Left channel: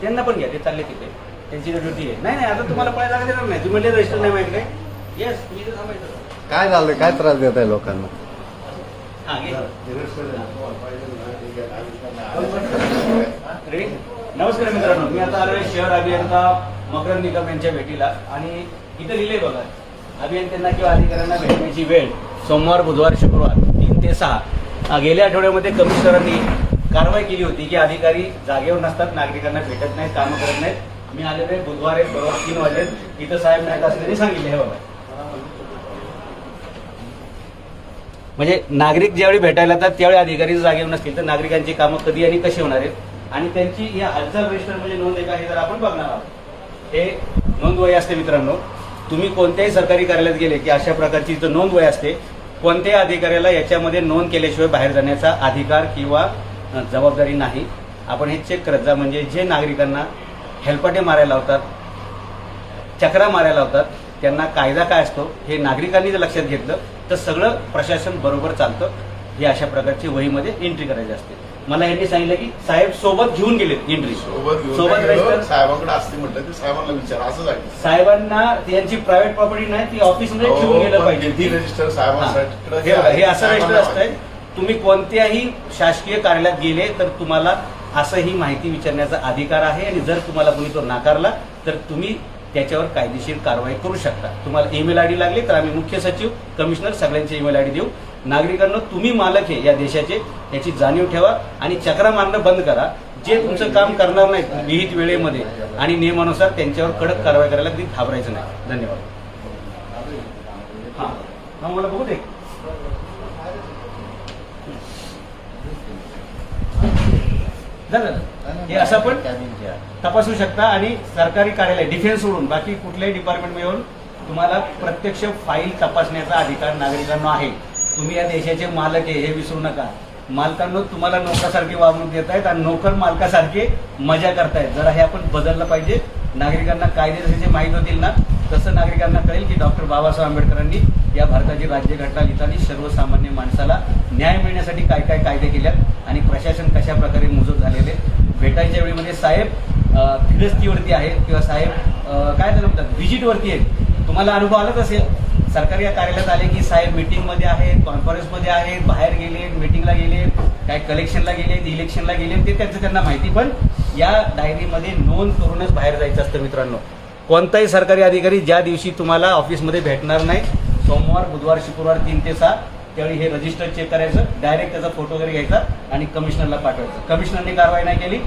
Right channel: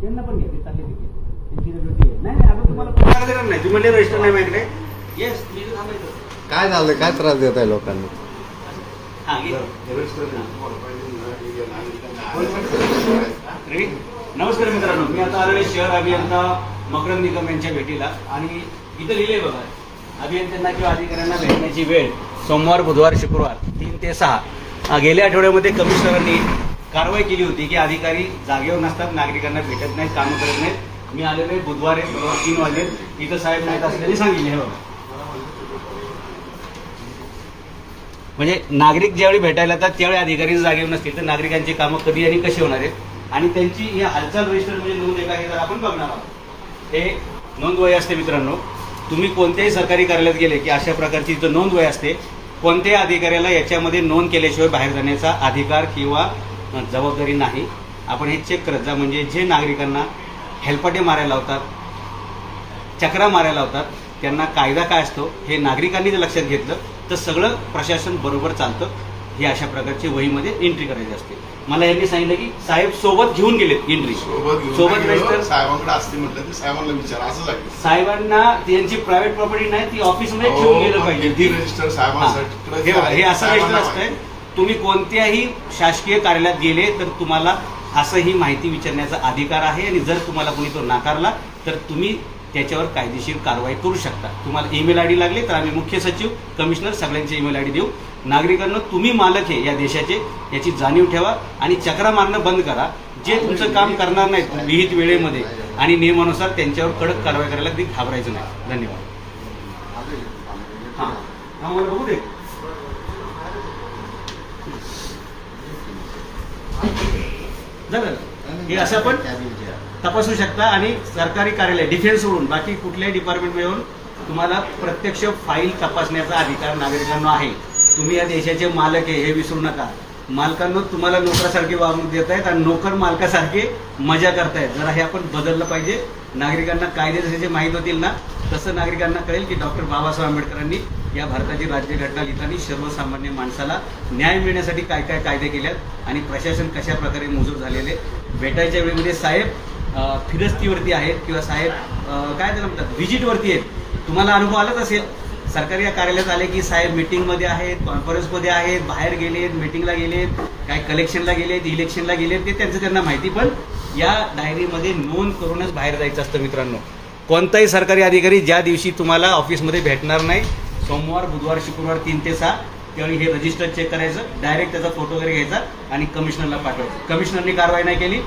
त्यांना पण घ्या, ते चालले तिथे, त्यांची ड्युटी आहे. नाही नाही, आता तुम्हाला पळायला देणार नाही. तुम्ही म्हणले रजिस्टर नाही माझ्याकडे. येस, मी तर थांबायचं. काय झालं, काय त्रास देत आहे लोकांना? हां, नमस्कार मित्रांनो, मी आता आलोय शहर अभियंता मकरंद निकम यांच्या भेटीला. आणि इथं लिहिले बघा, अभियंत्यांना किंवा अधिकाऱ्यांना भेटण्याची वेळ सोमवार, बुधवार, शुक्रवार 3 ते 6. गेल्या आठवड्यामध्ये कमिशनरांनी कारवाई केली होती की अधिकारी जागेवर नसतात, नागरिकांना भेटत नाहीत, कामं करत नाहीत. मी आलेलो आहे बुधवारी बरोबर 3 वाजेल. इथं साहेब नाहीत असल्याने सांगितले. हे बघा, म्हणजे नागरिक ज्यावेळी भेटायला येतात त्यावेळी अधिकारी जागेवर नसतील तर नागरिकांची कामं कधी आणि कशी होणार आहेत. आणि त्यांची ही हालचाल रजिस्टर म्हणजे नोंद आहे का हे तर आपण बघणार आहोत. हे नोंद वय असते मित्रांनो. तुम्ही कोणत्याही सरकारी कार्यालयात गेले की अशा प्रकारची इथं नोंद वय असते. कोणत्याही अधिकाऱ्याला याच्यामध्ये नोंद केल्याशिवाय बाहेर जाण्याचा अधिकार किंवा जबाबदारी नाही. आपण हे चेक करत जा. म्हणजे जे नागरिकांना हेलपाटे मारायला लावतात, चक्रा मारायला लावतात, त्यांना कायदा काय असतो हे नागरिकांनी जर लक्षात घेतलं तर सगळं प्रशासन बरोबर चालतं. हे अशा प्रकारची वहीमध्ये एंट्री करायची असते. मला यांनी सांगितलं की साहेब सोबत घेऊन गेलेत एंट्री, सोबत रजिस्टर साहेबांकडे असते म्हटलं तर साहेबांना विचारा, असं आहे. साहेबांना यांची प्रायव्हेट प्रॉपर्टी नाही, ती ऑफिसमध्ये ठेवून गेलं पाहिजे. ती रजिस्टर साहेबांसाठी हे असं रजिस्टर असतंय. तुम्ही कोणत्याही शासकीय कार्यालयात गेले तर तुम्हाला असं ही माहिती विचारण्याचा अधिकार आहे. आणि जर तुम्हाला कोणी तो नाकारला तर तुम्ही त्याच्यावर कायदेशीर कारवाई करू शकता. तुम्हाला ईमेल आयडी लागली तर आम्ही मुख्य सचिव, कमिशनर सगळ्यांचे ईमेल आयडी देऊ. नागरिकांना तुम्ही मालक आहे या देशाचे याची जाणीव ठेवा आणि चक्रा मारणं बंद करा. जे तुमचं काम करणार नाहीत विहित वेळेमध्ये आणि नियमानुसार त्यांच्यावर कडक कारवाई करायला कधी घाबरायचं नाही. धन्यवाद. हां, मला बघू दे. झालं, हे असं पण तपासू शकता. आणि सरकारी कार्यालय डिफेन्स सोडून बाकी कुठल्याही डिपार्टमेंटमध्ये येऊन तुम्हाला प्रत्यक्ष फाईल तपासण्याचा अधिकार नागरिकांना आहे. तुम्ही या देशाचे मालक आहे हे विसरू नका. मालकांना तुम्हाला नोकरासारखे वागणूक देत आहेत आणि नोकर मालकासारखे मजा करतायत. जरा हे आपण बदललं पाहिजे. नागरिकांना कायदे जसे माहीत होतील ना तसं नागरिकांना कळेल की डॉक्टर बाबासाहेब आंबेडकरांनी या भारताची राज्यघटना लिहिताना सर्वसामान्य माणसाला न्याय मिळण्यासाठी काय काय कायदे केल्यात आणि प्रशासन कशा प्रकारे मुजूर झालेले. भेटायच्या वेळेमध्ये साहेब फिरस्तीवरती आहेत किंवा साहेब काय त्याला म्हणतात व्हिजिटवरती आहेत. तुम्हाला अनुभव आलाच असेल. सरकारी कार्यालयात आले की साहेब मीटिंगमध्ये आहेत, कॉन्फरन्समध्ये आहेत, बाहेर गेलेत, मीटिंगला गेलेत, काय कलेक्शनला गेलेत, इलेक्शनला गेलेत, ते त्यांना माहिती. पण या डायरीमध्ये नोंद करूनच बाहेर जायचं असतं मित्रांनो. कोणताही सरकारी अधिकारी ज्या दिवशी तुम्हाला ऑफिसमध्ये भेटणार नाही, सोमवार, बुधवार, शुक्रवार 3 ते 6 त्यावेळी हे रजिस्टर चेक करायचं, डायरेक्ट त्याचा फोटो वगैरे घ्यायचा आणि कमिशनरला पाठवायचं. कमिशनरने कारवाई नाही केली